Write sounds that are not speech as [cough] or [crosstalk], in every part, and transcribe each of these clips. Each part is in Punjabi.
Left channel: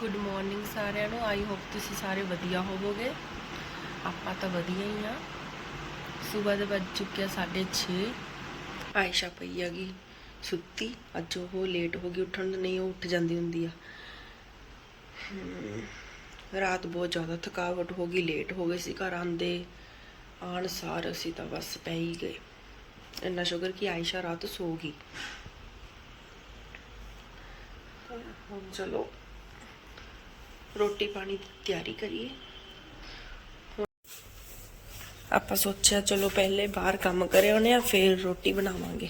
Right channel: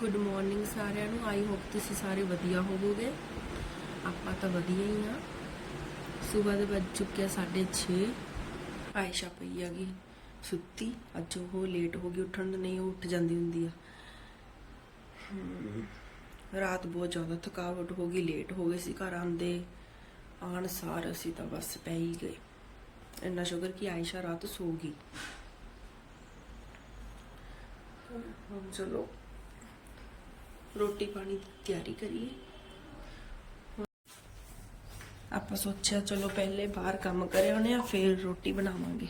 ਗੁੱਡ ਮਾਰਨਿੰਗ ਸਾਰਿਆਂ ਨੂੰ। ਆਈ ਹੋਪ ਤੁਸੀਂ ਸਾਰੇ ਵਧੀਆ ਹੋਵੋਗੇ। ਆਪਾਂ ਤਾਂ ਵਧੀਆ ਹੀ ਆ। ਸਵੇਰ ਦੇ ਵੱਜ ਚੁੱਕਿਆ 6:30 ਆਇਸ਼ਾ ਪਈ ਹੈਗੀ ਸੁੱਤੀ। ਅੱਜ ਉਹ ਲੇਟ ਹੋ ਗਈ, ਉੱਠਣ ਨਹੀਂ, ਉਹ ਉੱਠ ਜਾਂਦੀ ਹੁੰਦੀ ਆ। ਰਾਤ ਬਹੁਤ ਜ਼ਿਆਦਾ ਥਕਾਵਟ ਹੋ ਗਈ ਲੇਟ ਹੋ ਗਏ ਸੀ ਘਰ ਆਂਦੇ ਆਣ ਸਾਰ ਅਸੀਂ ਤਾਂ ਬਸ ਪੈ ਹੀ ਗਏ। ਇੰਨਾ ਸ਼ੁਕਰ ਕਿ ਆਇਸ਼ਾ ਰਾਤ ਸੋ ਗਈ। ਹੁਣ ਚਲੋ। ਰੋਟੀ ਪਾਣੀ ਦੀ ਤਿਆਰੀ ਕਰੀਏ ਹੁਣ ਆਪਾਂ ਸੋਚਿਆ ਚਲੋ ਪਹਿਲੇ ਬਾਹਰ ਕੰਮ ਕਰੇ ਉਹਨੇ ਆ ਫਿਰ ਰੋਟੀ ਬਣਾਵਾਂਗੇ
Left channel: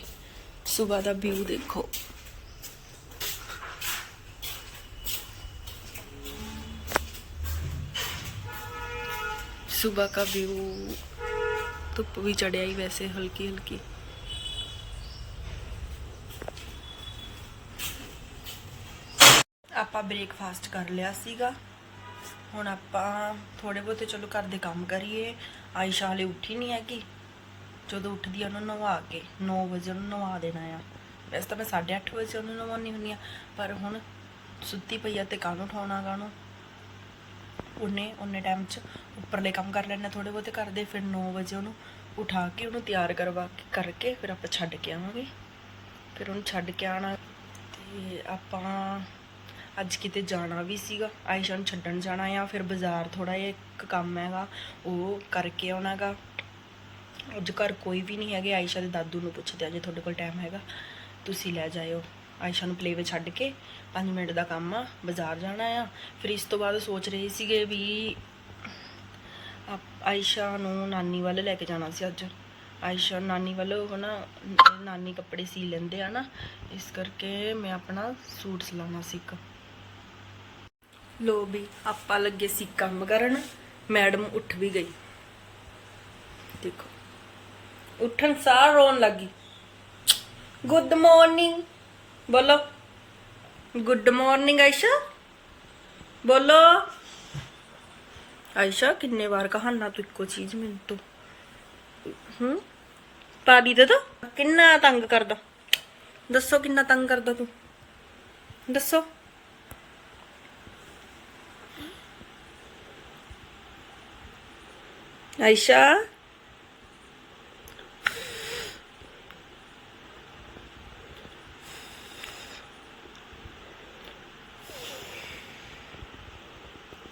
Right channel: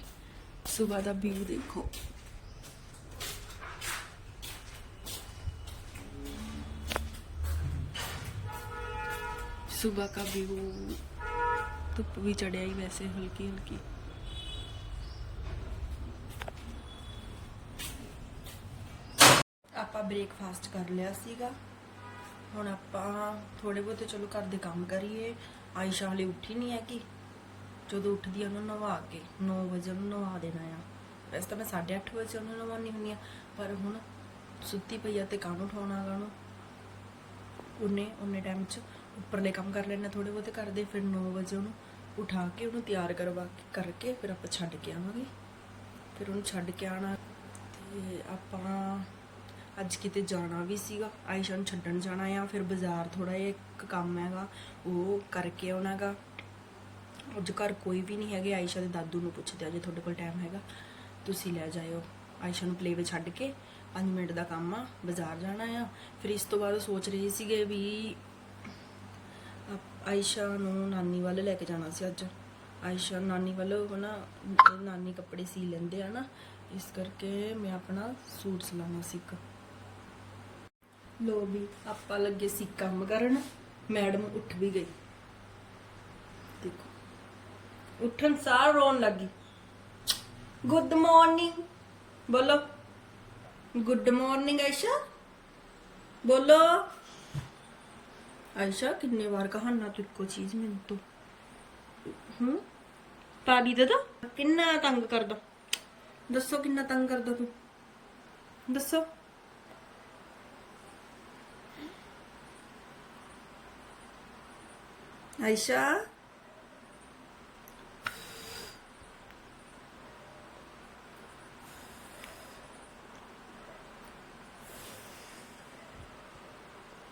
ਸਵੇਰ ਦਾ ਵਿਊ ਦੇਖੋ सुबह का व्यू धुप भी चढ़िया ही वैसे हल्की हल्की ਆਪਾਂ ਬ੍ਰੇਕਫਾਸਟ ਕਰ ਲਿਆ ਸੀਗਾ। ਹੁਣ ਆਪਾਂ ਥੋੜੇ ਬਹੁਤੇ ਚਲੋ ਘਰ ਦੇ ਕੰਮ ਕਰੀਏ। ਆਇਸ਼ਾ ਹਲੇ ਉੱਠੀ ਨਹੀਂ ਹੈਗੀ। ਜਦੋਂ ਉੱਠਦੀ ਆ ਉਹਨੂੰ ਨਵਾ ਕੇ 9 ਵਜੇ ਉਹਨੂੰ ਨਵਾ ਦੇਣਾ ਆ। ਵੈਸੇ ਤਾਂ ਮੈਂ 8:30 ਵਜੇ ਉਹਨੂੰ ਨਵਾਉਣੀ ਹੁੰਦੀ ਆ, ਪਰ ਹੁਣ ਸੁੱਤੀ ਪਈ ਆ ਤੇ ਕਾਹਨੂੰ ਉਠਾਉਣਾ ਗਾਣੋ ਉਹਨੇ ਉਹਨੇ ਟਾਈਮ 'ਚ ਉੱਪਰਲੇ ਕੰਮ ਕਰ ਲੈਣਾ ਥੋੜੇ ਬਹੁਤੇ ਕਰਦੇ ਫਿਰ 9 ਵਜੇ ਉਹਨੂੰ ਉਠਾ ਕੇ ਉਹਨੂੰ ਤਿਆਰ ਕਰਵਾ ਕੇ, ਕਰਕੇ ਫਿਰ ਆਪਾਂ ਛੱਡ ਕੇ ਆਵਾਂਗੇ। ਫਿਰ ਉਹਨੂੰ ਛੱਡ ਕੇ ਆਣਾ ਤੇ ਆਪਾਂ ਅੱਜ ਕਿਤੇ ਜਾਣਾ ਵੀ ਸੀਗਾ। ਆਇਸ਼ਾ ਨੂੰ ਛੱਡਣ ਜਾਣਾ ਆ। ਫਿਰ ਬਾਜ਼ਾਰ ਥੋੜਾ ਜਿਹਾ ਇੱਕ ਕੰਮ ਹੈਗਾ, ਉਹ ਕਰਕੇ ਆਉਣਾਗਾ। ਅੱਜ ਘਰ ਕੋਈ ਵੀ ਨਹੀਂ ਹੈਗੇ। ਆਇਸ਼ਾ ਦੇ ਦਾਦੂ ਨੂੰ ਪੁੱਛਦੇ ਆ, ਜੇ ਤੁਹਾਡੇ ਕੋਲ ਟਾਈਮ ਹੈਗਾ, ਤੁਸੀਂ ਲੈ ਜਾਇਓ। ਆਇਸ਼ਾ ਨੂੰ ਪਲੇਵੇ ਛੱਡ ਕੇ 5 ਮਿੰਟ ਦਾ ਕੰਮ ਆ, ਬਾਜ਼ਾਰ ਜਾਣਾ ਆ। ਫਿਰ ਇਸ ਤੋਂ ਬਾਅਦ ਸੋਚ ਰਹੇ ਸੀਗੇ ਵੀ ਆਪ- ਆਇਸ਼ਾ ਨੂੰ ਨਾਨੀ ਵੱਲ ਲੈ ਕੇ ਜਾਣਾ ਸੀ ਅੱਜ। ਆਇਸ਼ਾ ਨਾਨੀ ਵੱਲ ਉਹ ਨਾ, ਨਾਨੀ ਕੱਪੜੇ ਸੀ ਲੈਂਦੇ ਆ ਨਾ, ਇਸ ਕਰਕੇ ਮੈਂ ਆਪਣਾ ਸੂਟ ਸਿਲਾਉਣਾ ਸੀ ਇੱਕ। ਲੋ ਵੀ ਆਪਾਂ ਲੱਗੇ ਸੀ ਕੰਮ ਕਰਨ, ਮੈਡਮ ਉੱਠ ਵੀ ਗਈ। ਦੇਖੋ, ਉੱਠਣ ਸਾਰ ਰੋਣ ਲੱਗੀ ਗੁੱਡ ਮਾਰਨਿੰਗ ਬੋਲੋ। ਗੁੱਡ ਮਾਰਨਿੰਗ ਆਇਸ਼ਾ, ਬੋਲੋ। ਆਇਸ਼ਾ, ਕਿੰਨੇ ਵਾਰ ਕਹਾਣਾ ਤੂੰ ਇੱਕੋ ਚੀਜ਼ ਮੈਨੂੰ ਤੋਂ? ਹੂੰ? ਪਾਣੀ ਦੇ ਦੋ। ਕਿੰਨਾ ਤੰਗ ਕਰਦਾ? ਦੱਸੋ ਕਿੰਨਾ ਤੰਗ ਕਰਦਾ ਤੂੰ? ਦੱਸੋ। आयशा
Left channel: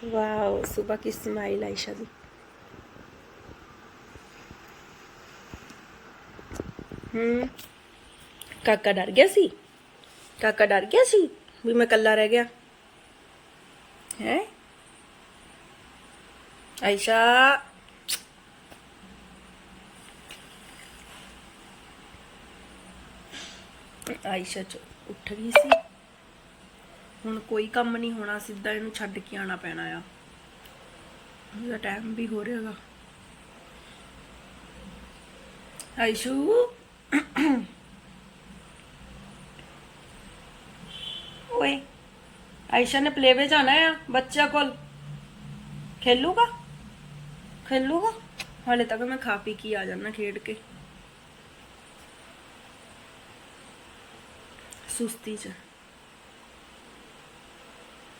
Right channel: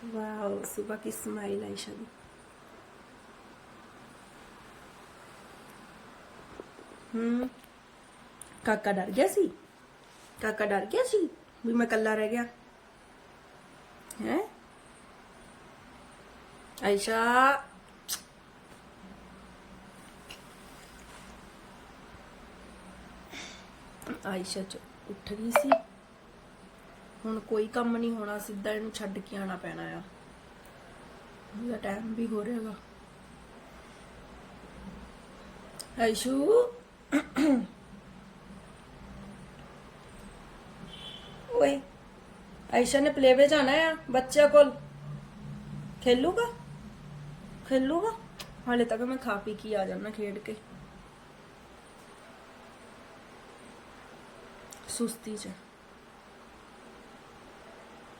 वाह सुबह की स्माइल आयशा जी हम्म काका डर गया सी काका डर गया सी भी मैं कल्ला रह गया है आयशा ਆਇਸ਼ਾ ਚ ਉੱਠ ਗਈ ਸੀ। ਹੁਣ ਕੋਈ ਕੰਮ ਨਹੀਂ ਹੋਣਾ, ਸਿੱਧਾ ਇਹਨੂੰ ਛੱਡ ਕੇ ਆਣਾ ਪੈਣਾ ਆ। ਉਹਦਾ ਟਾਈਮ ਵੀ ਹੋ ਰਿਹਾਗਾ। ਆਇਸ਼ੂ। ਓਏ, ਆਇਸ਼ਾ ਨੇ ਪਲੇਵੇ ਜਾਣਾ ਆ ਬੱਚਾ ਕੋਲ। ਖੇਲੂਗਾ? ਖੇਲੂਗਾ? ਹਾਲੇ ਤੱਕ ਮੈਂ ਖਾ ਪੀ ਕੇ ਆ ਜਾਣਾ ਖੇਡ ਕੇ। ਸੁਸਤੀ ਚ।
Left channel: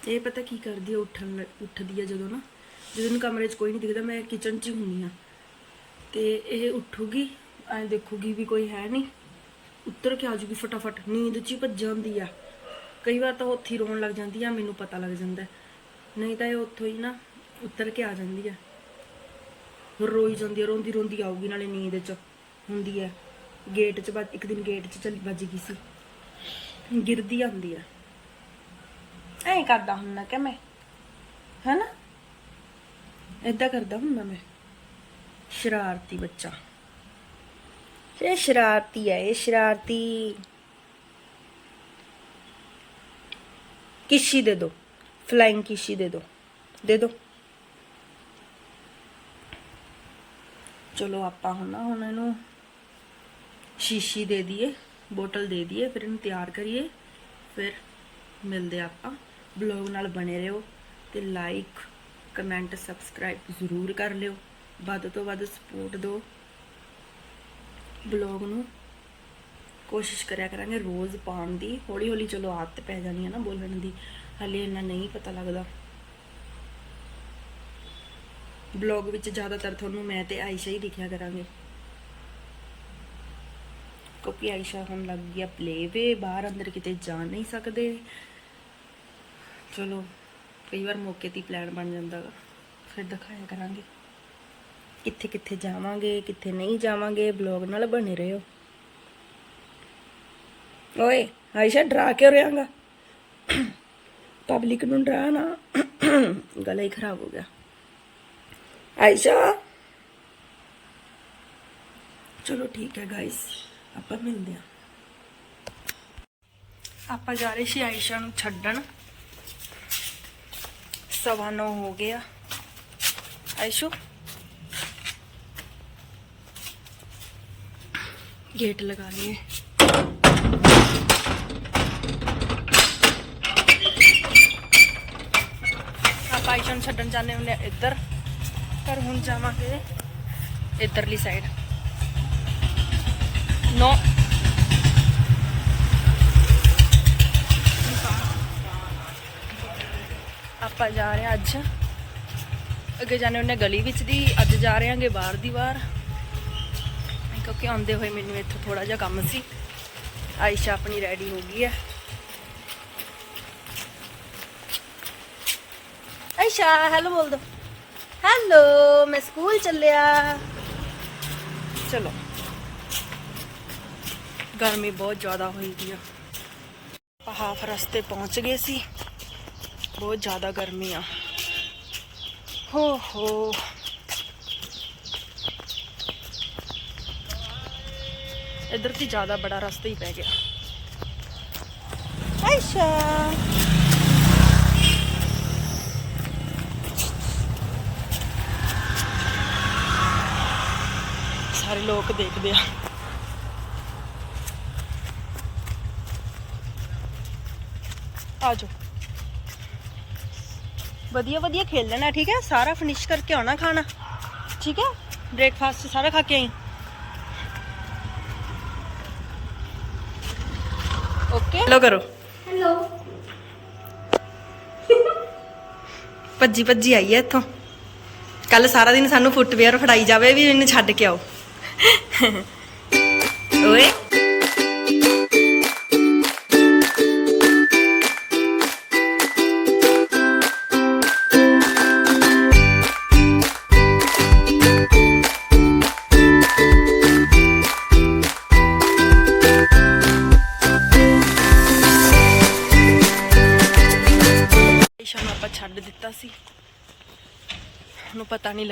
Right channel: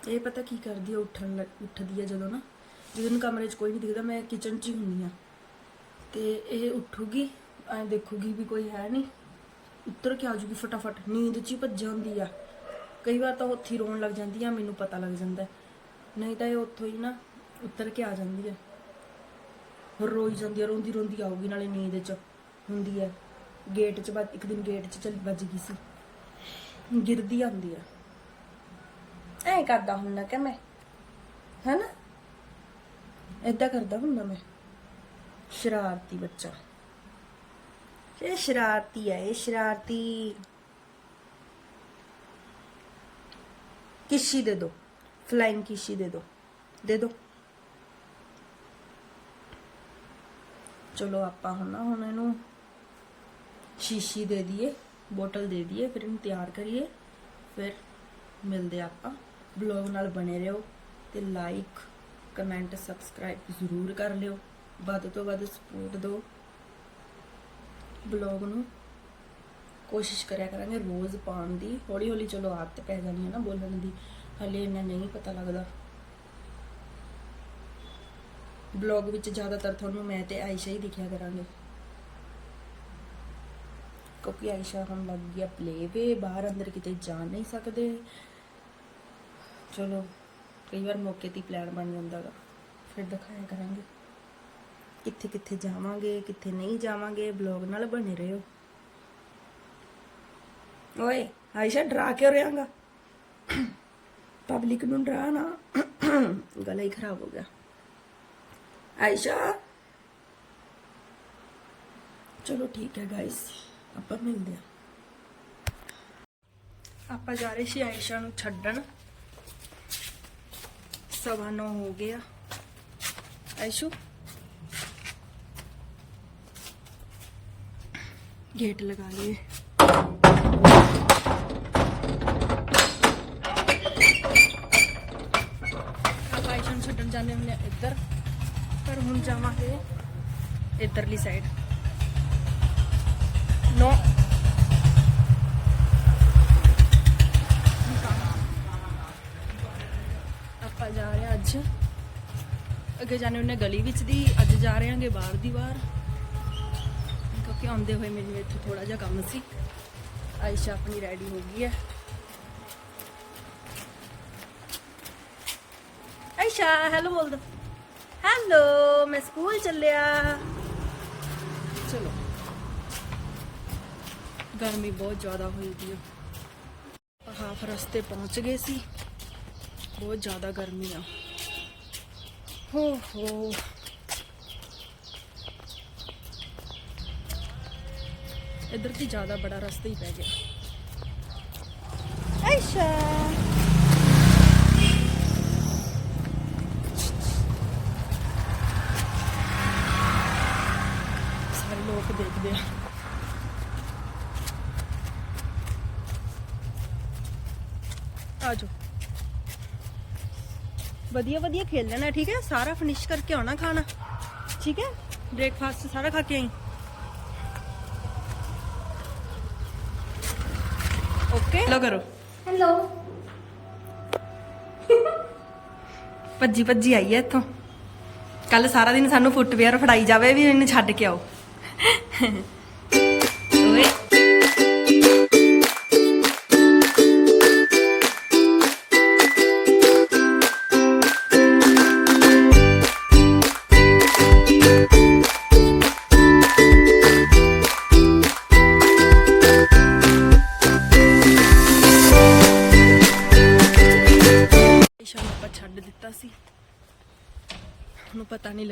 ਇਹ ਪਤਾ ਕੀ ਕਰਦੀ ਆ, ਉੱਠਣ ਲੱਗ- ਉੱਠਦੀ ਆ ਜਦੋਂ ਨਾ। ਜਦੋਂ ਇਹਨੂੰ ਕਮਰੇ 'ਚ ਕੋਈ ਨਹੀਂ ਦਿਖਦਾ, ਮੈਂ ਕਿਚਨ 'ਚ ਹੀ ਹੁੰਨੀ ਆ। ਤੇ ਇਹ ਉੱਠੂਗੀ, ਐਂ ਦੇਖੂਗੀ ਵੀ ਕੋਈ ਹੈ ਨਹੀਂ ਉੱਤਰ ਕੇ ਆ ਫਟਾਫਟ, ਨੀਂਦ 'ਚ ਹੀ ਭੱਜ ਜਾਂਦੀ ਆ। ਕਈ ਵਾਰ ਤਾਂ ਉੱਥੇ ਹੀ ਰੋਣ ਲੱਗ ਜਾਂਦੀ ਆ, ਮੈਨੂੰ ਪਤਾ ਲੱਗ ਜਾਂਦਾ। ਨਹੀਂ ਤਾਂ ਇਹ ਉੱਥੋਂ ਹੀ ਨਾ ਉੱਤਰ ਕੇ ਆ ਜਾਂਦੀ ਆ। ਰੋਈ ਜਾਂਦੀ ਆ ਰੋਂਦੀ ਰੋਂਦੀ ਆਊਗੀ ਨਾਲੇ ਨੀਂਦ 'ਚ। ਹੁੰਦੀ ਆ। ਗੇਟ 'ਚ ਇੱਕ ਦਿਨ ਗੇਟ 'ਚ ਚੱਲ ਵੱਜ ਗਈ ਸੀ। ਗਿਰਦੀ ਆਉਂਦੀ ਆ। ਐਂ ਕਰਦਾ ਹੁੰਦਾ ਕਿ ਮੈਂ, ਹੈਨਾ? ਏਦਾਂ ਕਰਦਾ ਹੁੰਦਾ ਮੈਂ। ਸ਼ਰਾਰਤੀ ਬੱਚਾ। ਇਹ ਸ਼ਰਾਰਤੀ ਹੈ ਇਹ ਸ਼ਰਾਰਤੀ ਕਿਸ਼ੀ ਦੇ ਦੋ ਫਲਾਈਂਗ ਕਿਸ਼ੀ ਦੇ ਦੋ ਦੇ ਦੋ। ਚਲੋ ਆਪਾਂ ਹੁਣ ਹੁਣ ਇਹਨੂੰ ਸ਼ੀਸ਼ੀ ਦੇ ਦਈਏ। ਬੋਟਲ ਦੇ ਦਈਏ, ਫਿਰ ਇਹਨੂੰ ਤਿਆਰ ਕਰੀਏ, ਫਿਰ ਮਿਲਦੇ ਆਪਾਂ। ਬਲੌਗ ਨਾਲ ਬਣੇ ਰਹੋ ਤੇ ਲਾਈਕ ਕਮੈਂਟ ਸਬਸਕ੍ਰਾਈਬ ਜ਼ਰੂਰ ਕਰ ਲਿਓ। ਵੱਧ ਤੋਂ ਵੱਧ ਸਪੋਰਟ ਦਿਓ। ਬਲੌਗ ਨੂੰ ਕੋਸ਼ਿਸ਼ ਕਰਿਆ ਕਰਾਂਗੇ ਰੋਜ਼ ਪਾਉਣ ਦੀ। ਹੌਲੀ ਹੌਲੀ ਚਲੋ ਆਦਤ ਪੈ ਜਾਣੀ ਹੈ ਨਾ ਬੋਲਣ ਦੀ। ਹਲੇ ਇੰਨਾ ਨਹੀਂ ਪਤਾ ਲੱਗਦਾ। ਬਲੌਗ ਵਿੱਚ ਜ਼ਿਆਦਾਤਰ ਤੁਹਾਨੂੰ ਮੈਂ ਤੇ ਆਇਸ਼ਾ ਹੀ ਦਿਖਿਆ ਕਰਾਂਗੇ। ਕਿਉਂਕਿ ਆਇਸ਼ਾ ਹੁਣ ਲੱਗ ਗਿਆ ਪਲੇਵੇ ਬਾਹਰ ਅੰਦਰ ਕਿਤੇ ਜਾ ਨਹੀਂ ਸਕਦੇ। ਚਲੋ, ਕਈ ਵਾਰ ਮੌਕੇ ਤੇ ਪਲਾਨ ਬਣ ਜਾਂਦਾਗਾ ਫਿਰ ਦਿਖਾਇਆ ਕਰਾਂਗੇ। ਕਿੱਥੇ ਕਿੱਥੇ ਜਾਵਾਂਗੇ, ਕਿੱਥੇ ਨਹੀਂ ਜਾਵਾਂਗੇ ਬਲੌਗ ਨਾਲ ਬਣੇ ਰਹੋ। ਓਏ, ਆਇਸ਼ਾ ਡਰਾ ਕੇ ਰਿਹਾਂਗਾ ਪਬਲਿਕ ਨੂੰ ਡਰਾ ਨਾ। ਗਲਾ ਹੀ ਖਰਾਬ ਹੋ ਗਿਆ। ਆਇਸ਼ਾ! ਚਲੋ ਠੀਕ ਹੈ ਗਾਇਸ ਆਪਾਂ ਮਿਲਦੇ ਹਾਂ। ਆਪਾਂ ਜਾ ਰਹੇ ਸੀ ਆਇਸ਼ਾ ਨੂੰ ਛੱਡਣ। ਸਵਾ ਨੌ ਹੋ ਗਿਆ ਆਇਸ਼ੂ? ਗੇਟ ਲਗਾ ਲਈਏ। ਆਪਾਂ ਆਇਸ਼ਾ ਨੂੰ ਛੱਡਣ ਜਾਂਦੇ ਹੁੰਦੇ ਆ ਇੱਧਰ। ਪਰ ਹੁਣ ਜਾਵਾਂਗੇ ਇੱਧਰਲੀ ਸਾਈਡ ਨੋ ਆਪਾਂ ਜਾ ਰਹੇ ਅੱਜ। ਅੱਗੇ ਜਾਣੇ ਉਹਨੇ ਗਲੀ ਵਿੱਚ ਦੀ, ਅੱਜ ਜਾ ਰਹੇ ਹਾਂਗੇ ਬਾਹਰ ਦੀ ਬਾਹਰ। ਕਿਉਂਕਿ ਆਉਂਦੇ ਹੋਏ ਮੈਨੂੰ ਇੱਥੇ ਥੋੜਾ ਜਿਹਾ ਕੰਮ ਸੀ। ਆਇਸ਼ਾ ਆਪਣੀ ਰੈਡੀ ਹੋ ਗਈ ਹੈ। ਆਇਸ਼ਾ ਹੈਲੋ ਬੋਲ ਦੋ। ਹੈਲੋ ਮੈਂ ਸਕੂਲ ਚੱਲਿਆ ਚਲੋ ਗਰਮੀ ਬਹੁਤ ਜ਼ਿਆਦਾ ਹੋਈ ਦੀ ਆ। ਹਾਫ ਰਸਤੇ ਪਹੁੰਚ ਗਏ ਸੀ। ਬਹੁਤ ਜ਼ਿਆਦਾ ਗਰਮੀ ਆ। ਹੋ ਹੋ। ਇੱਧਰ ਤੇ ਜ਼ਿਆਦਾ ਬੜਾ ਰਸਤਾ ਹੀ ਪੈ ਗਿਆ। ਆਇਸ਼ਾ ਸਾਰੇ ਲੋਕ ਦੇਖਦੇ ਆ। ਆ ਜਾਓ ਵਧੀਆ ਵਧੀਆ ਖੇਲ ਲੈਣਾ ਠੀਕ ਹੈ? ਸਾਰਾ ਫਿਨਿਸ਼ ਕਰਕੇ ਆਉਣਾ ਖਾਣਾ। ਠੀਕ ਹੈ? ਬ੍ਰੇਕਫਾਸਟ ਸਾਰਾ ਖਾ ਕੇ ਆਈ। ਓਕੇ ਲੋ ਕਰੋ। ਹੈਲੋ ਭੱਜੀ ਭੱਜੀ ਆਈ ਹੈ ਇੱਥੋਂ। ਕੱਲ ਸਾਰਾ ਦਿਨ ਸਾਨੂੰ ਫੁੱਟਵੇਅਰ ਫੜਾਈ ਜਾਵੇ ਵੀ ਇਹਨੂੰ ਛੱਡ ਕੇ ਆਓ। [laughs] ਓਏ।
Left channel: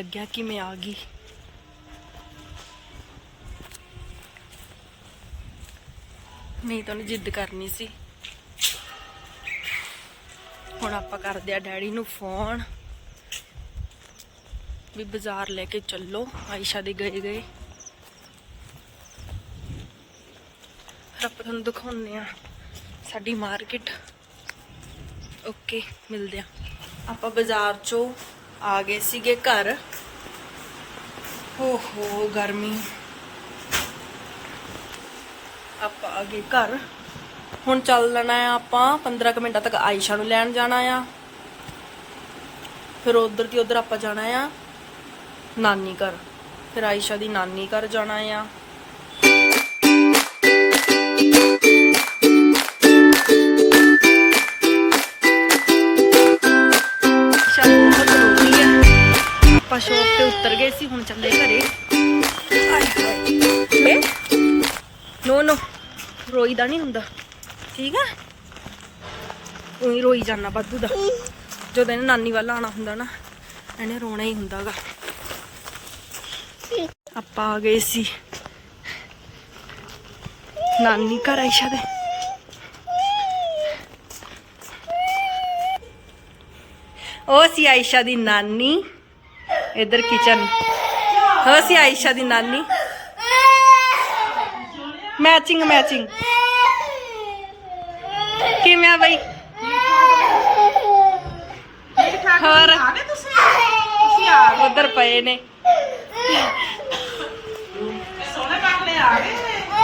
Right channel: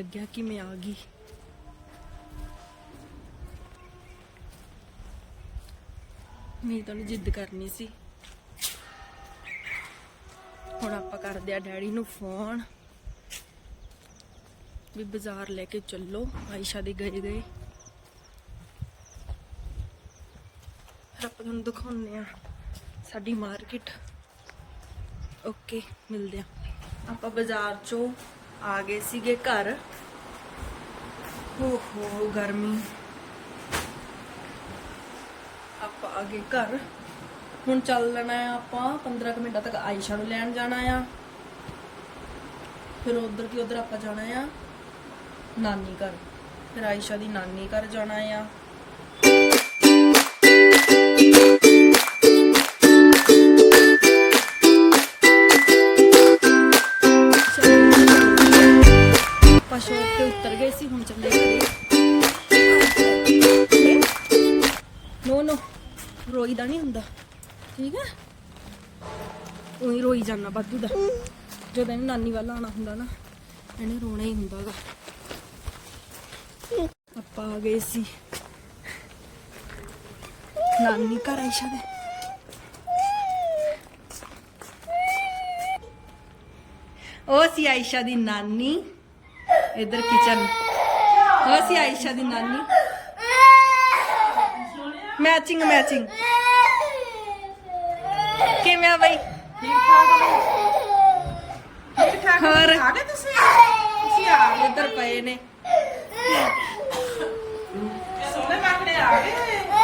ਲੱਗਿਆ ਕਿ ਮੈਂ ਆ ਗਈ। ਨਹੀਂ ਤਾਂ ਜਿੱਦ ਕਰਨੀ ਸੀ। ਹੁਣ ਆਪਾਂ ਕਰਦੇ ਆ ਡੈਡੀ ਨੂੰ ਫੋਨ। ਵੀ ਬਾਜ਼ਾਰ ਲੈ ਕੇ ਚੱਲੋ, ਆਇਸ਼ਾ ਦੇ ਗਏ ਗਏ। ਫਿਰ ਆਪਾਂ ਤੁਹਾਨੂੰ ਦਿਖਾਉਂਦੇ ਆ, ਸਾਡੀ ਮਾਰਕੀਟ। ਓਕੇ, ਮਿਲਦੇ ਆ। ਆਪਾਂ ਬਾਜ਼ਾਰ ਚੋਂ ਆ ਗਏ ਸੀਗੇ ਘਰ। ਓਹੋ, ਗਰਮੀ। ਆਪਾਂ ਆ ਗਏ ਘਰ। ਹੁਣ ਚੱਲ ਲੈਣਾ ਆ ਆਪਾਂ 15 ਕੁ ਮਿੰਟਾਂ ਤੱਕ ਆਇਸ਼ਾ ਨੂੰ ਲੈਣ ਜਾਣਾ ਆ। ਫਿਰ ਉਧਰ ਦੀ ਉਧਰ ਆਪਾਂ ਜਾਣਾ ਆ, ਨਾਨੀ ਘਰ। ਫਿਰ ਆਇਸ਼ਾ ਦੀ ਨਾਨੀ ਘਰ ਜਾਣਾ ਆ। ਤੇ ਉਤਰ ਗਏ ਸੀ, ਹੁਣ ਚੱਲੇ ਘਰੇ। ਨੋ ਨੋ। ਰੋਈਦਾ ਨਹੀਂ ਹੁੰਦਾ। ਠੀਕ ਹੈ? ਉਹੀ ਰੋਈ ਜਾਣਾ ਬਾਦੂ ਦਾ। ਜਦੋਂ ਇਹਨੇ ਨਾਨੀ ਵੱਲ ਆਣਾ ਹੁੰਦਾ ਨਾ, ਇਹਨੇ ਰੋਣਾ ਹੀ ਹੁੰਦਾਗਾ ਆਪਾਂ ਆ ਗਏ ਸੀ। ਨਾਨੀ ਘਰ ਆਇਸ਼ਾ ਦੇ। ਉਹ ਸੀ ਆਇਸ਼ਾ ਦੀ ਨਾਨੀ। ਇਧਰ ਕਿਚਨ ਹੋ ਸੀ ਆਇਸ਼ਾ ਦੀ ਨਾਨੀ। ਮੈਚਿੰਗ ਮੈਚਿੰਗ ਕਿਵੇਂ ਆ ਬਈ? ਹੋਰ? ਆ ਉਧਰ ਪਏ ਨੇ। ਗਏ ਸੋਹਣੇ ਆ ਗਏ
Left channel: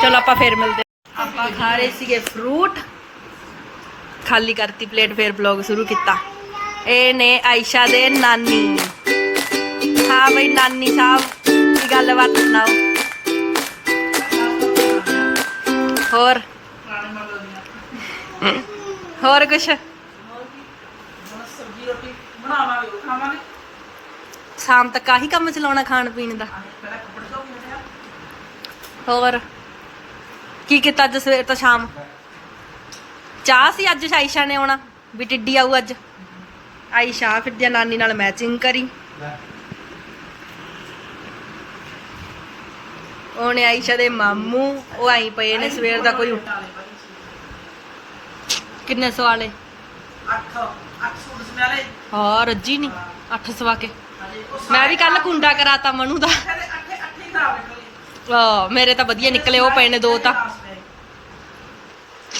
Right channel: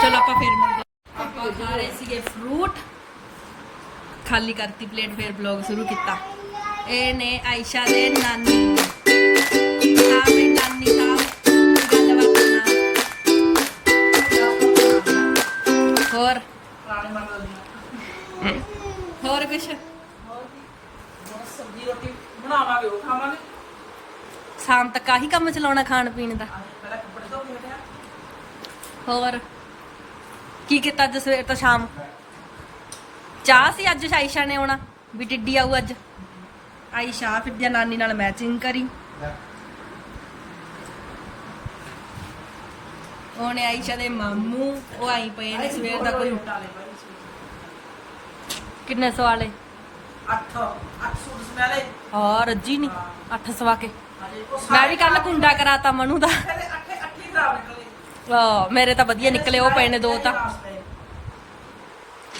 ਚਲੋ, ਆਪਾਂ ਫੇਰ ਮਿਲਦੇ ਆਪਾਂ ਖਾ ਰਹੇ ਸੀਗੇ ਫਰੂਟ ਖਾਲੀ ਕਰਤੀ ਪਲੇਟ ਫੇਰ ਬਲੌਗ ਸ਼ੁਰੂ ਕੀਤਾ। ਇਹ ਨੇ ਆਇਸ਼ਾ ਦੇ ਨਾਨੀ। ਹਾਂ ਬਈ ਨਾਨੀ ਸਾਹਿਬ ਦੀ ਗੱਲਬਾਤ ਸੁਣਾਓ ਹੋਰ? ਹੋਰ ਕੁਛ? ਸਬਜ਼ੀ ਰੋਟੀ ਬਣਾਵਾਂਗੇ ਉਹ ਖਾਵਾਂਗੇ ਸ਼ਾਮ ਤੱਕ ਆਹੀ ਕੰਮ ਚਲਾਉਣਾ ਖਾਣ ਪੀਣ ਦਾ। ਹੋਰ? ਕੀ ਕੀਤਾ ਅੱਜ ਸਵੇਰ ਤੋਂ ਸ਼ਾਮ? ਚਾਹ ਸੀ ਅੱਜ ਆਇਸ਼ਾ ਨੇ ਆਉਣਾ, ਵੀ ਟਿੱਡੀ ਆਊ ਅੱਜ। ਆਇਸ਼ਾ ਫਿਰ ਦੀ ਨਾਨੀ ਨਾਲ, ਮੈਚਿੰਗ ਕਰੀ। ਉਹਨੇ ਆਇਸ਼ਾ ਦੇ ਮਾਮੂ ਉਹ ਆਈ ਪਏ ਨੇ ਸਵੇਰ ਦਾ ਕੋਈ ਉੱਠ- ਕਿੰਨੇ ਸਵਾਲੇ? ਅੱਠ ਅੱਠ ਸੂਟ ਸਮਿਆਲੇ ਹਾਂ ਰੱਜੀ ਨਹੀਂ ਅੱਠ ਸਵਾ ਕੇ। ਹਜੇ ਉਹ ਮੈਂ ਵੀ ਕੱਲ ਕੁੰਡਾ ਕਰਾਤਾ ਮਨੂ ਦਾ। ਸਾਰੇ ਅੱਠੇ ਅੱਠੇ ਖਰਾਬ ਨਿਕਲੇ। ਆ ਮੇਰੇ ਤਾਂ ਵਧੀਆ ਨਿਕਲੇ ਉਹ ਪਏ ਨੇ ਦੋ ਤਾਂ।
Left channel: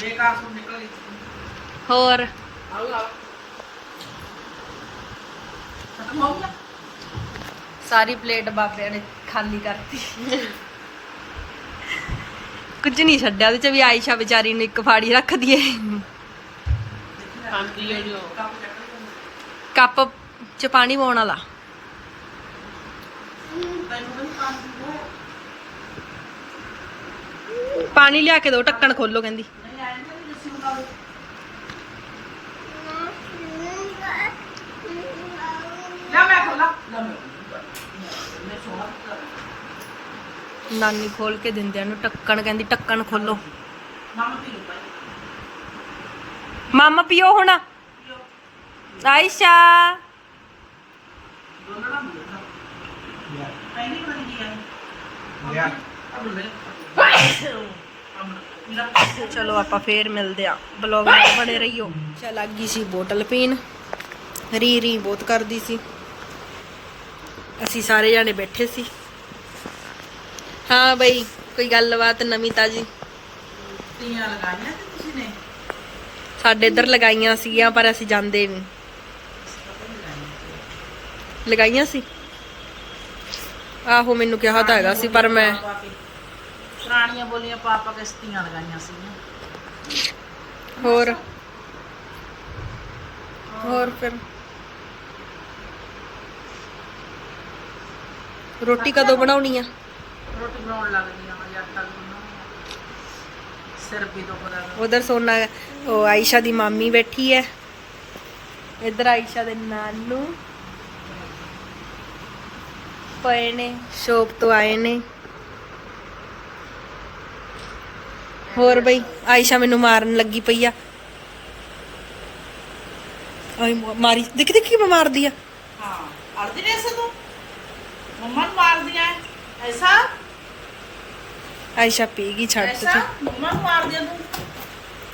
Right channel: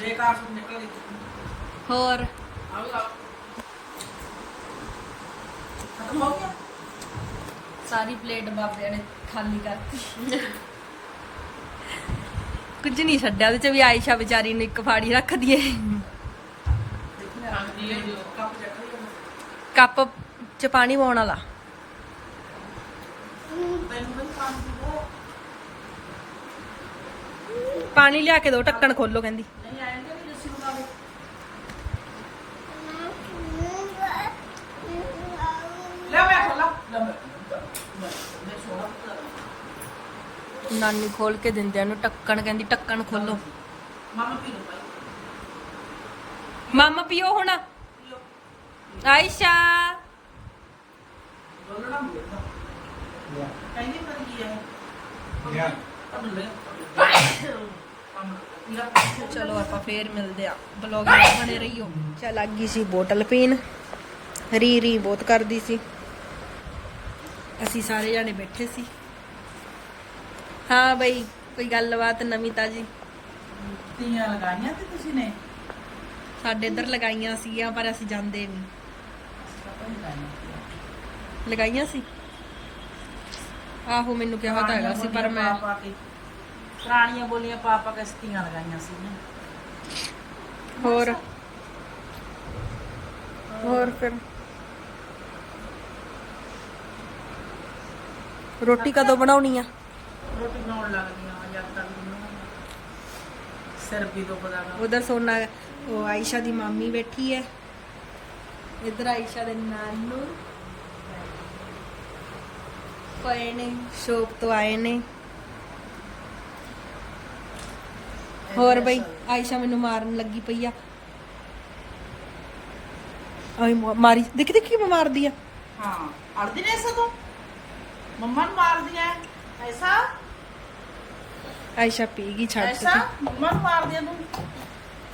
ਬੇਕਾਰ ਸੂਟ ਨਿਕਲ ਗਏ। ਹੋਰ? ਖਤਮ ਹੋ ਗਿਆ? ਸਾਰੀ ਪਲੇਟ ਬਾਬਿਆਂ ਨੇ ਖਾਲੀ ਕਰਤੀ। ਕੁਝ ਨਹੀਂ ਛੱਡਿਆ, ਉਹਦੇ ਚ ਵੀ ਆਇਸ਼ਾ ਵਿਚਾਰੀ ਨੂੰ ਇੱਕ ਫਾੜੀ ਰੱਖ ਦਈਏ। ਕੱਪ ਚ ਪਾਣੀ ਪਾਉਣ ਵਾਲਾ। ਪਾਣੀ ਲਿਆ ਕੇ ਦੋ, ਢੱਕਣ ਖੋਲੋ ਕਹਿੰਦੀ ਨਹੀਂ ਆਏ ਨੇ ਜਿਸ ਨੂੰ ਨਾਲ ਲੈ ਮੈਂ ਖੋਲਾ ਲੈ ਮੈਂ ਮੈਂ ਸੋਣਾ ਨਾਨੀ ਖੋਲ ਕੇ ਦਿੰਦੇ ਆ ਉਹਨੂੰ ਢੱਕਣ ਕਹਿੰਦੀ ਢੱਕਣ ਖੋਲੋ ਮਾਮਾ ਪੀ ਲੋ ਭਾਈ ਮਾਮਾ ਪੀਓ ਹੁਣ। ਆਇਸ਼ਾ। ਨਾਲ ਚਲੋ ਆਪਾਂ ਫੇਰ ਮਿਲਦੇ ਆ। ਬਲੌਗ ਵਿੱਚ ਬਣੇ ਰਹੀਓ। ਚਲ ਲੱਗ ਗਈ ਸੀ ਬੋਤਲ ਪੀਣ। ਰੀ ਰੀ ਬਹੁਤ ਕਰਦੀ ਸੀ। ਅਸੀਂ ਸਾਰੇ ਜਾਣੇ ਬੈਠੇ ਸੀ। ਹਾਂ ਬਈ ਕੋਈ ਗੱਲਬਾਤ ਨਵੀਂ ਤਾਜੀ। ਤੀਆਂ ਲਗਾਈਆਂ ਕਿ ਤੁਸੀਂ ਨੇ? ਸਾਡੇ ਇੱਧਰ ਲਗਾਈਆਂ ਸੀਗੀਆਂ ਪਰ ਅਸੀਂ ਜਾਂਦੇ ਨਹੀਂ। ਲਗਾਈਆਂ ਸੀ? ਆਹੋ ਮੈਨੂੰ ਕਿਹਾ ਤਾਂ ਹੈਗਾ ਸੀ ਪਰ ਮੈਂ ਪੁਰਾਣੀਆਂ ਬੋਲੀਆਂ ਪਾਪਾ ਕਿਸ਼ਤੀਆਂ ਲਗਾਈਆਂ ਸੀ ਹੋਰ? ਹੋਰ ਫਿਰ? ਰੋਟੀ ਕਦੋਂ ਬਣਾਉਣੀ ਆ? ਰੋਟੀ ਬਣਾਉਣ ਲੱਗਦੀਆਂ ਵਾਂ ਜਦ ਤੱਕ ਬਣਾਉਣ ਸਿਰ ਵੀ ਤੋਂ ਬੁਲਾਇਆ ਉਧਰ ਸੋਨਾ ਉਹ ਆਇਸ਼ਾ ਦੀ ਮਾਮੀ ਬੈਠੀ ਹੈ ਇੱਧਰ ਆਇਸ਼ਾ ਦੇ ਨਾਨੂ। ਪਏ ਨੇ ਸ਼ੋਪ ਤੋਂ ਆਏ ਨੇ। ਹੋਰ ਬਈ ਆਇਸ਼ਾ ਮੈਨੂੰ ਮਾਰਨ ਲੱਗੀ ਪਈ ਆ। ਆਈ ਮਾਰੀ ਦੇਖ ਦੇਖ ਕਿਵੇਂ ਮਾਰਦੀ ਆ। ਹਾਂ ਅਰਦੀ ਨੇ ਸੋ ਮੰਮਾ ਨੂੰ ਮਾਰ ਦਿਆ ਹੈ ਐਸਾ? ਆਇਸ਼ਾ ਪੀ ਗਈ ਛੱਡ ਨੂੰ ਮਾਰ ਦਿਆ ਤੂੰ।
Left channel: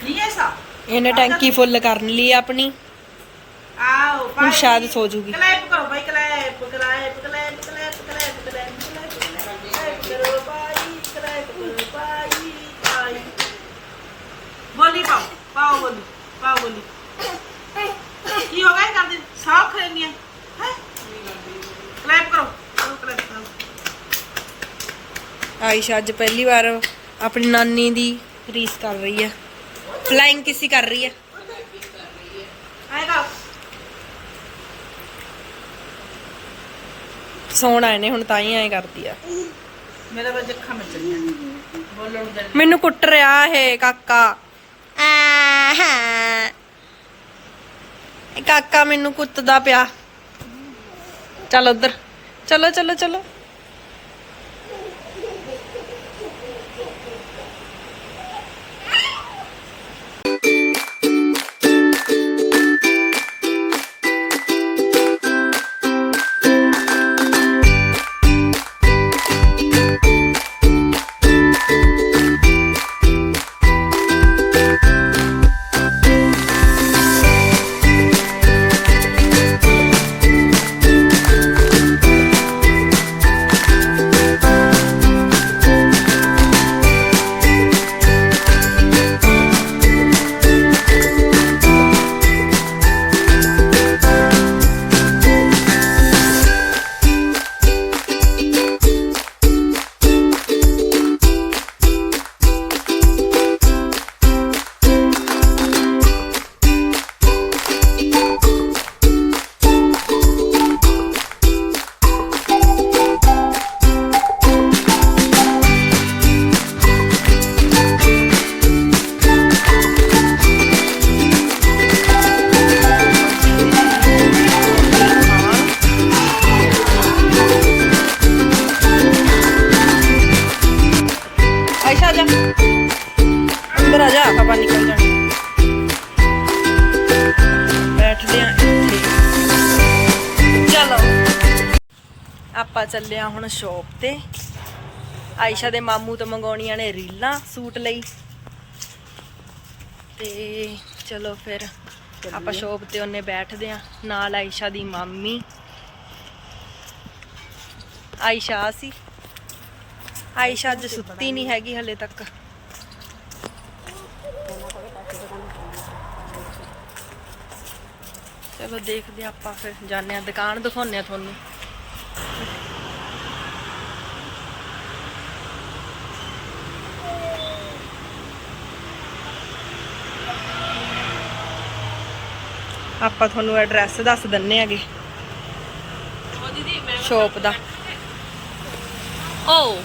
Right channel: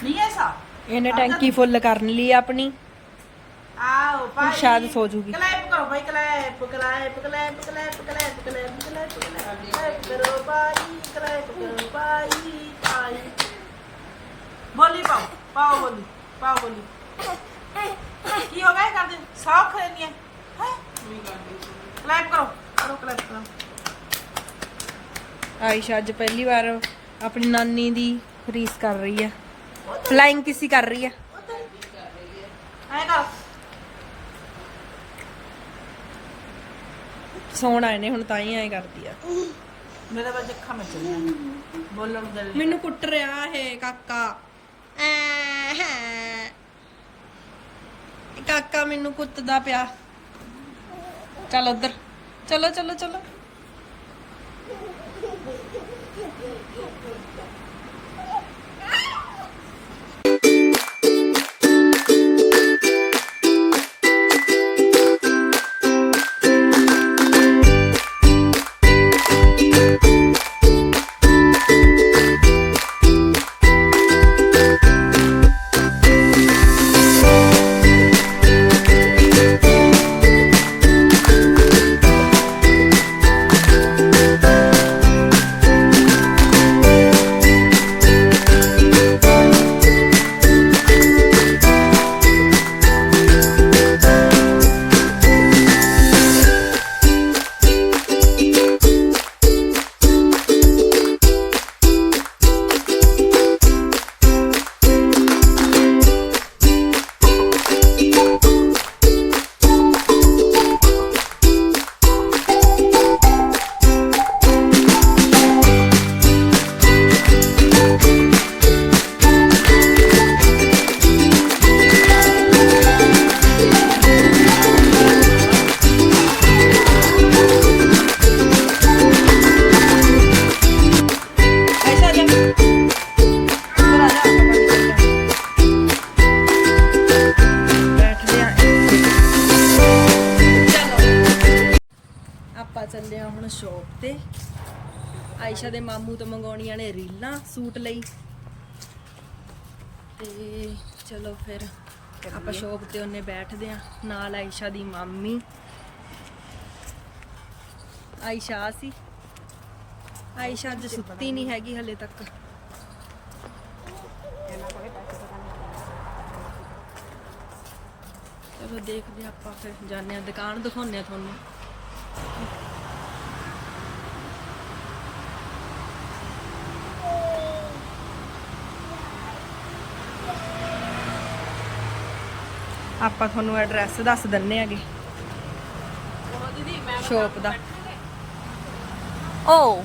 ਨਹੀਂ ਐਸਾ। ਇਹਨੇ ਟੈਂਕੀ ਫੁੱਲ ਕਰਨ ਲਈ ਆਪਣੀ। ਆਓ ਹੁਣ ਸ਼ਾਇਦ ਸੋ ਜੂਗੀ। ਕਲੈਪ ਕਰੋ ਭਾਈ clap clap clap clap clap clap clap ਕਰੋ ਭਾਈ ਕਲੈਪ ਕਰੋ ਭਾਈ ਭਾਈ। ਬੋਲੀ ਪਾਓ ਪਾਓ ਬੋਲੀ ਪਾਓ ਬੋਲੀ ਕੀ ਹੋ ਗਿਆ ਇਹ ਕਰਦੇ ਸਾਫ਼ ਖਰੀਦੀਆਂ ਹੈ ਕਲੈਪ ਕਰੋ ਕਰੋ ਕਲੈਪ ਕਰੋ ਆਇਸ਼ਾ ਅੱਜ ਪਹਿਲੀ ਵਾਰ ਆਪਣੀ ਨਾਨੀ ਦੀ ਰੀਸ ਕਰ ਰਹੀ ਹੈ ਫਲਾਈਂਗ ਕਿਸੀ ਕਰ ਰਹੀ ਐ ਕਰ ਸੌਣ ਆਏ ਨੇ ਹੁਣ ਤਾਂ ਹੀ ਐਂ ਕਰਦੀ ਆ। ਮੇਰੇ ਵਿੱਚ ਅੱਖਾਂ ਵਿੱਚ ਚਲੀਆਂ ਬੋਲਣ ਜਲ ਮੈਨੂੰ ਕੁੱਟ ਰਿਹਾ ਇਹ ਕਾਕਾ। ਆਹਾਂ। ਇਹ ਕਾਕਾ ਮੈਨੂੰ ਕੁੱਟਦਾ ਪਿਆ। ਚੱਲ ਉਧਰ। ਚਲੋ ਚਲੋ ਚਲੋ। ਆਪਾਂ ਚੱਲੇ ਆ ਹੁਣ ਸ਼ੌਪ ਤੇ। ਆਇਸ਼ਾ ਦੇ ਮਾਮੂ ਤੋਂ ਮੰਗਾਉਣੀਆਂ ਨੇ ਰੀਲਾਂ ਸੂਟ ਲਈ। ਤੇ ਚਲੋ ਫਿਰ ਆਪਾਂ ਸ਼ੌਪ ਤੇ ਉਹਨੇ ਬੈਠਦੇ ਆ ਨਾਲ ਆਇਸ਼ਾ ਦੀ ਮਾਮੀ। ਆਇਸ਼ਾ ਸੀ। ਆਇਸ਼ਾ ਅੱਜ ਸੁੱਤੀ ਨਹੀਂ ਹੈਗੀ ਹਲੇ ਤੱਕ। ਚਲੋ ਦੇਖਦੇ ਆਪਾਂ ਫਿਰ ਜਾਂਦੇ ਆ ਦੁਕਾਨ ਦਿਖਾਉਂਦੇ ਆ ਤੁਹਾਨੂੰ। ਆਪਾਂ ਤੁਹਾਨੂੰ ਐਡਰੈਸ ਦੱਸ ਦਿੰਨੇ ਆਗੇ। ਸ਼ੋਪ ਦਾ। ਓ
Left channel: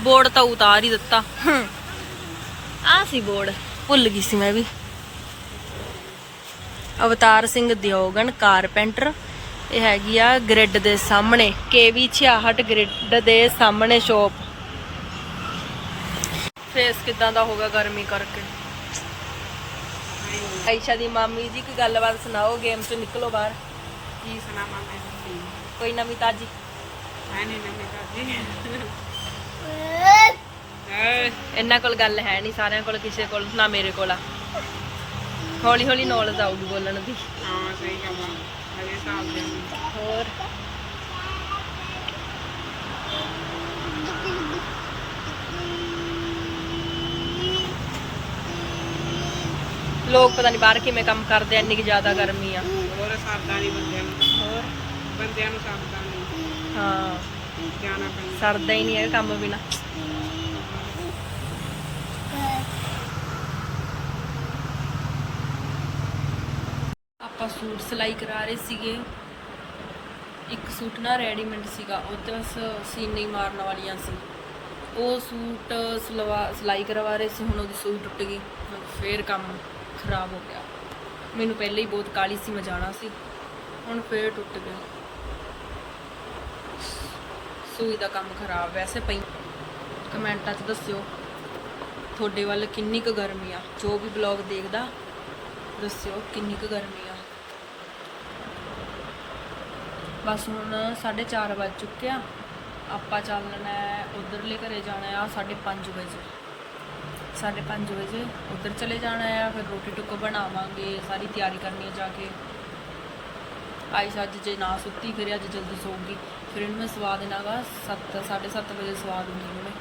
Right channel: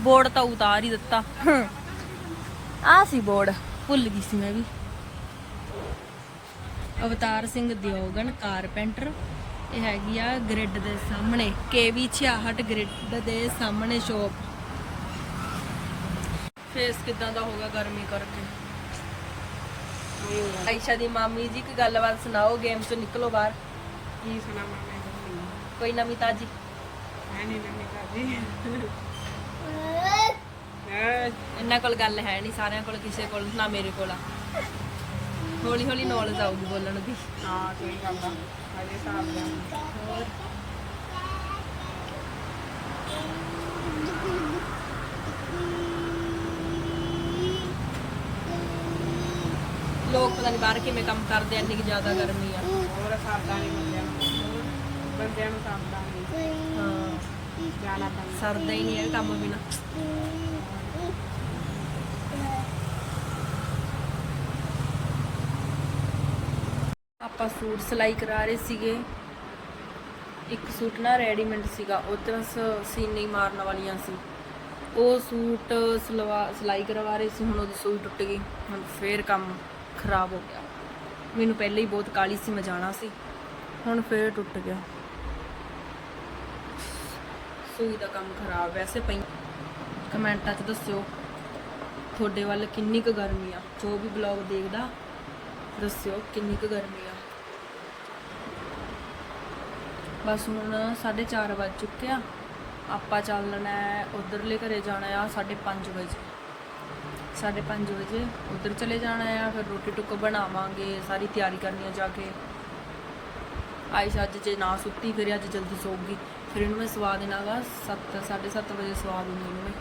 ਬੋਰਡ ਤਾਂ ਉਤਾਰ ਹੀ ਦਿੱਤਾ। ਆ ਸੀ ਬੋਰਡ ਭੁੱਲ ਗਈ ਸੀ ਮੈਂ ਵੀ। ਅਵਤਾਰ ਸਿੰਘ ਦਿਓਗਨ ਕਾਰਪੈਂਟਰ। ਇਹ ਹੈਗੀ ਆ ਗ੍ਰਿਡ ਦੇ ਸਾਹਮਣੇ KV 66 ਗ੍ਰਿਡ ਦੇ ਸਾਹਮਣੇ ਸ਼ੋਪ ਫੇਸ ਕਿਦਾਂ ਦਾ ਹੋਗਾ ਗਰਮੀ ਕਰਕੇ? ਆਇਸ਼ਾ ਦੀ ਮਾਮੀ ਜੀ ਕੀ ਗੱਲਬਾਤ ਸੁਣਾਓ ਗੇਮ ਚ ਨਿਕਲੋ ਬਾਹਰ। ਕੀ ਸੁਣਾਵਾਂ ਮੈਂ ਦੱਸੀ? ਕੋਈ ਨਵੀਂ ਤਾਜੀ? ਹੈ ਨਹੀਂ ਨੰਨੇ ਕਾਜੀ ਇਹਨਾਂ ਕੋਲ ਗੱਲ ਹੈ ਨਹੀਂ ਸਾਰਿਆਂ ਕੋਲ ਕਿਸੇ ਕੋਲ ਨਾ ਮੇਰੇ ਕੋਲ ਆ। ਹੌਲੀ ਹੌਲੀ ਨੌਲੇਜ ਆਊਗੀ ਬੋਲਣ ਦੀ। ਹਾਂ ਸਹੀ ਗੱਲ ਹੈ। ਹੋਰ? ਲੋਕ ਪਤਾ ਨਹੀਂ ਬਾਹਰ ਕਿਵੇਂ ਕੰਮ ਕਰਦੇ ਆ ਇੰਨੀ ਕਿ ਜ਼ਿਆਦਾ ਗਰਮੀ ਆ। ਹੋਰ ਸਰਦਾ ਨਹੀਂ ਬੰਦਿਆਂ ਨੂੰ। ਹੋਰ? ਬੰਦਿਆਂ ਨੂੰ ਸਰਦਾ ਨਹੀਂ। ਹਾਂ। ਜਾਣਾ ਪੈਂਦਾ। ਸਰਦਾ ਹੀ ਨਹੀਂ ਹੈ ਕੰਮ ਬਿਨਾ। ਆਪਾਂ ਸੂਟ ਸਿਲਾਈ ਕਰਾ ਰਹੇ ਸੀਗੇ। ਇੱਕ ਸੂਟ ਨਾ ਰੈਡੀਮੇਡ ਸੀਗਾ ਉਹ ਤੇ ਬਸ ਸੀਨ ਨਹੀਂ ਮਾਰਨ ਵਾਲੀਆਂ ਸੀ। ਉਹ ਸੂਟ ਸਲਵਾ ਸਿਲਾਈ ਕਰਵਾ ਰਹੇ ਸੀ ਹੁਣ ਉਹਦੀ ਸੂਈ ਟੁੱਟ ਗਈ ਹੁਣ ਫੇਰ ਕੰਮ। ਖਰਾਬ ਹੋ ਗਿਆ। ਮੈਨੂੰ ਪਹਿਲੇ ਹੀ ਬਹੁਤ ਕਾਲੀ ਸੀ, ਮੈਂ ਜਾਣਾ ਸੀ। ਹੁਣ ਫੇਰ ਟੁੱਟ ਗਈ। ਸੂਈ ਦਾ ਕੰਮ ਖਰਾਬ ਵੈਸੇ ਪਈ। ਕਮੈਂਟਾਂ 'ਚ ਦੱਸਿਓ, ਤੁਹਾਡੇ ਵੱਲ ਕਿੰਨੀ ਕੁ ਗਰਮੀ ਆ? ਜੋ ਵੀ ਬਲੌਗ ਦੇਖਦਾ, ਦੱਸਿਓ ਕਿੰਨੀ ਕੁ ਗਰਮੀ ਆ। ਬਸ ਹੁਣ 4:30 ਵੱਜ ਚੁੱਕਿਆ ਆਪਾਂ ਚੱਲਣਾ ਹੈ, ਉਧਰਲੇ ਘਰੇ ਜਾਣਾ ਆ 5:30 ਵਜੇ। 5:30 ਵਜੇ ਉਧਰ ਚਲੇ ਜਾਣਾ ਆ ਫਿਰ ਰੋਟੀ ਟੁੱਕ ਬਣਾਵਾਂਗੇ ਸਾਰੀ ਤਿਆਰੀ ਕਰਨੀ ਆ ਜਾ ਕੇ ਆਈ ਅੱਜ ਜੇ ਨਾ ਸੁੱਤੀ ਫਿਰ ਅੱਜ ਜਲਦੀ ਸੌਗੀ ਫਿਰ ਇਹਨੂੰ ਮੈਂ ਸਵਾ ਦੇਣਾਗਾ 7 7:30 ਵਜੇ ਸਵਾ ਦੂੰਗੀ ਇਹਨੂੰ ਮੈਂ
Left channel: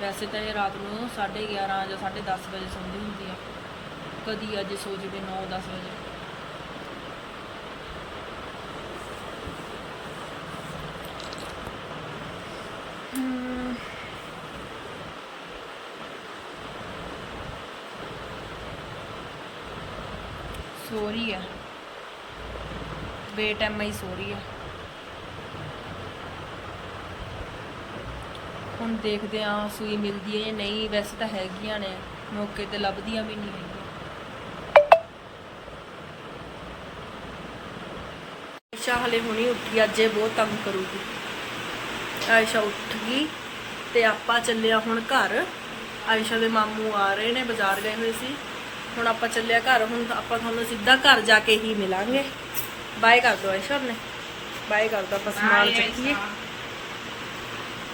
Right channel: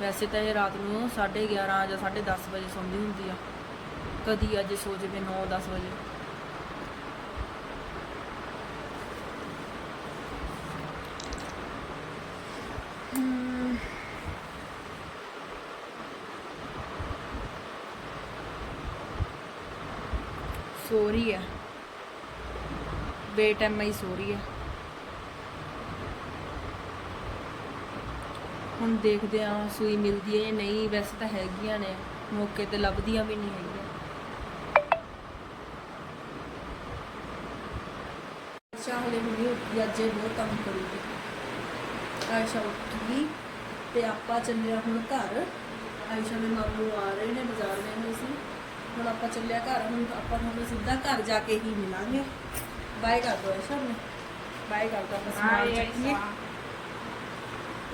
ਵੈਸੇ ਤਾਂ ਇਹ ਰਾਤ ਨੂੰ 11:30 ਜਾਂ 10:30 ਵਜੇ ਸੌਂਦੀ ਹੁੰਦੀ ਆ ਕਦੀ ਅੱਜ ਸੋ ਜਵੇ 9-10 ਵਜੇ ਸੋ ਰਹੀ ਹੈ। ਬੇਟਾਈਮ ਹੀ ਸੋ ਰਹੀ ਹੈ। ਹੁਣ ਦੇਖਦੇ ਆ ਸੂਈ ਮਿਲਦੀ ਹੈ ਜਾਂ ਨਹੀਂ। ਵੈਸੇ ਤਾਂ ਹੈਗੀਆਂ ਨੇ, ਮੌਕੇ ਤੇ ਲੱਭਦੀਆਂ ਵੀ ਨਹੀਂ ਹੈਗੀਆਂ। ਆਇਸ਼ਾ ਹਲੇ ਹੁਣੀ ਉੱਠੀ, ਅੱਜ ਇਹ ਬਹੁਤ ਤੰਗ ਕਰੂਗੀ। ਆਇਸ਼ਾ ਉੱਠ ਗਈ ਤੇ ਆਪਾਂ ਚੱਲਿਆ ਹੁਣ ਘਰ। ਆਇਸ਼ਾ ਦੇ ਮਾਮੂ ਆ ਰਹੇ ਨੇ, ਬਾਜ਼ਾਰ ਗਏ ਹੋਏ ਸੀ। ਹੁਣ ਆਪਾਂ ਚੱਲਿਆ ਘਰ ਹੁਣ ਆਪਾਂ ਤੁਹਾਨੂੰ ਸਿੱਧਾ ਘਰ ਜਾ ਕੇ ਹੀ ਮਿਲਾਂਗੇ। ਬਾਏ ਕਰ ਦੋ ਆਇਸ਼ਾ ਨੇ ਬਾਏ ਕਰ ਦੋ ਆਪਾਂ ਸਮਾਨ ਚੱਕੀਏ।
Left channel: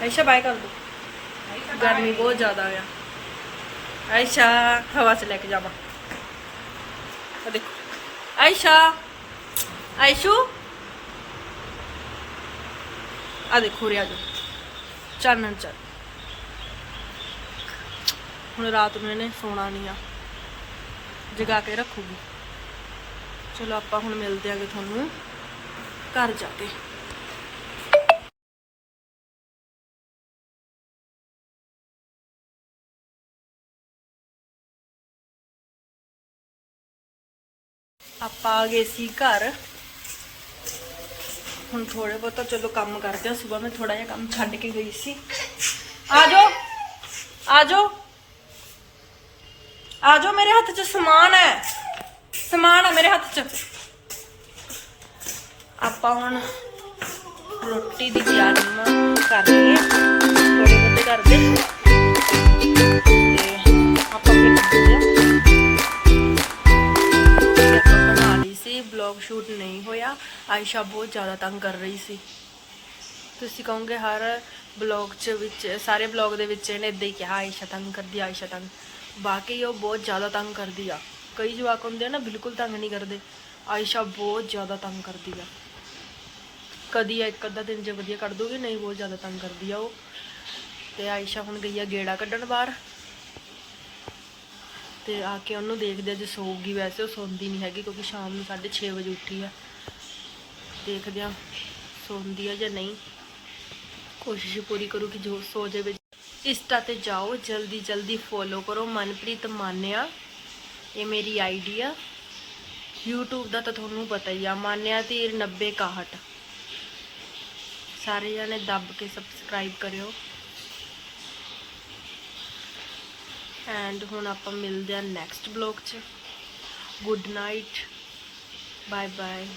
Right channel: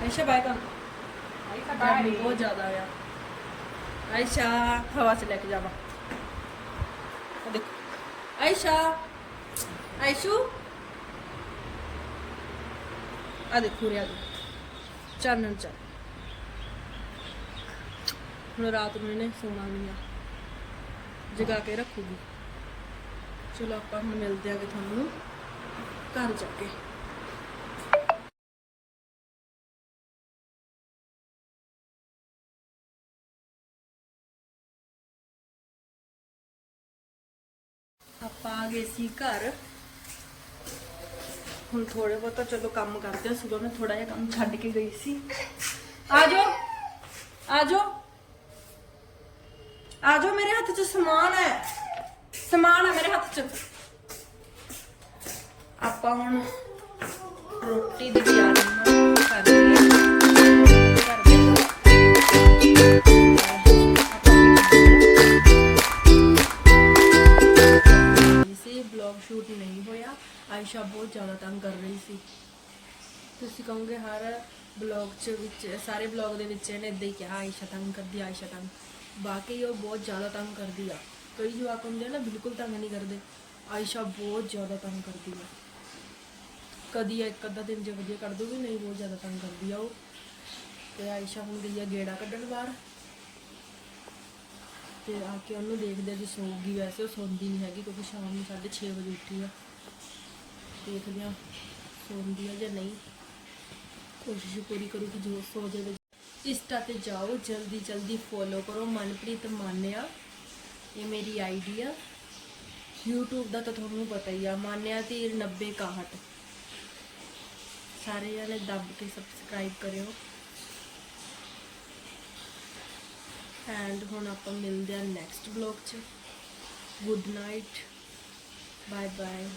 ਆਇਸ਼ਾ। ਬਾਏ ਕਰ ਦੋ ਗਰਮੀ ਬਹੁਤ ਜ਼ਿਆਦਾ ਆ। ਆਇਸ਼ਾ ਹਵਾ ਚ ਲੈ ਕੇ ਜਾਵਾਂ। ਆ ਦੇਖੋ। ਆਇਸ਼ਾ ਆਇਸ਼ੂ। ਆ ਦੇਖੋ ਰਿਆ ਜੋ ਚਾਨਣ ਚ। ਹੁਣ ਰਾਤ ਨੂੰ ਇਹਨੇ ਸੋਣਾ ਨਹੀਂ ਆ। ਜਗਾ ਕੇ ਰੱਖੂਗੀ। ਚਲੋ ਆਪਾਂ ਹੁਣ ਮਿਲਦੇ ਆਂਗੇ ਤੁਹਾਨੂੰ। ਘਰ ਜਾ ਕੇ। ਆਪਾਂ ਆ ਗਏ ਸੀ ਘਰ। ਹੁਣ ਥੋੜੇ ਬਹੁਤ ਚਲੋ ਕੰਮ ਕਰਦੇ ਆ। ਸਵੇਰ ਮੈਂ ਥੋੜਾ ਜਿਹਾ ਕੰਮ ਛੱਡ ਕੇ ਗਈ ਸੀ। ਆ ਜਾਓ। ਆ ਜਾਓ। ਆ ਜਾਓ ਮੇਰੇ ਹੱਥ 'ਚ ਸਮਾਨ ਹੈ। ਸਮਾਨ ਹੈ ਮੇਰੇ ਹੱਥ 'ਚ। ਆਪਾਂ ਹੁਣ ਰੋਟੀ ਦੀ ਤਿਆਰੀ ਕਰ ਲਈਏ ਥੋੜੇ ਬਹੁਤ ਕਰਦੇ ਬਲੌਗ ਸ਼ੂਟ ਨਹੀਂ ਹੋਇਆ। ਆਇਸ਼ਾ ਬਹੁਤ ਜ਼ਿਆਦਾ ਤੰਗ ਕਰ ਰਹੀ ਸੀ। ਤੁਸੀਂ ਕਹੋਗੇ ਹਰ ਬਲੌਗ 'ਚ ਵਿੱਚ, ਸਾਰੇ ਬਲੌਗ ਦੇ ਵਿੱਚ ਇਹਨੇ ਇਦਾਂ ਹੀ ਕਿਹਾ, ਆਇਸ਼ਾ ਤੰਗ ਕਰਦੀ, ਆਇਸ਼ਾ ਤੰਗ। ਵਾਕਈ ਉਹ ਬਹੁਤ ਜ਼ਿਆਦਾ ਤੰਗ ਕਰਦੀ ਆ। ਕਈ ਜਵਾਕ ਹੁੰਦੇ ਆ ਨਾ, ਬਿਲਕੁਲ ਤੰਗ ਨਹੀਂ ਕਰਦੇ। ਆਇਸ਼ਾ ਬਹੁਤ ਜ਼ਿਆਦਾ ਤੰਗ ਕਰਦੀ ਆ। ਕਦੀ ਇੱਕ ਅੱਧਾ ਦਿਨ ਜੇ ਵਧੀਆ ਕੱਢ ਦੂਗੀ ਨਹੀਂ ਬਹੁਤ ਜ਼ਿਆਦਾ ਤੰਗ ਕਰਦੀ ਆ ਉਹ। ਤੇ ਆਇਸ਼ਾ ਹੁਣ ਗਈ ਆ ਗੇੜਾ ਕੱਢਣ ਬਾਹਰ। ਤੇ ਆ ਕੇ ਉਹਨੂੰ ਦੇਖਦੇ ਆ ਜੇ ਸੌਗੀ ਵੈਸੇ, ਉਹ ਸੌਂਦੀ ਨਹੀਂ ਹੈਗੀ ਕਿਉਂਕਿ ਸ਼ਾਮ ਨੂੰ 6:30 ਵਜੇ ਉੱਠੀ ਆ। ਦੇਖਦੇ ਆ, ਸੌਂਦੀ ਆ ਜਾਂ ਨਹੀਂ। ਕੋਸ਼ਿਸ਼ ਪੂਰੀ ਕਰੂ ਕਿ ਜੋ ਸੋ ਜਾਵੇ। ਇੰਸਟਾ ਤੇ ਜਾਓ, ਜਲਦੀ ਜਲਦੀ ਫੋਲੋ ਕਰੋ। ਮਨਪ੍ਰੀਤ ਮਾਨਿਆ, ਇਹ ਮੇਰੀ ਆਈਡੀ ਆ। YouTube ਦਾ ਤਾਂ ਤੁਹਾਨੂੰ ਪਤਾ ਹੀ ਆ, ਮਾਨਿਆ ਧੀਰ 9061 ਸਾਰੇ ਜਣੇ ਦੱਬ ਕੇ ਸਬਸਕ੍ਰਾਈਬ ਕਰਿਓ। ਐਂਡ ਹੁਣ ਆਪਾਂ ਮਿਲਦੇ ਆ ਨੈਕਸਟ ਬਲੌਗ 'ਚ। Good night bye bye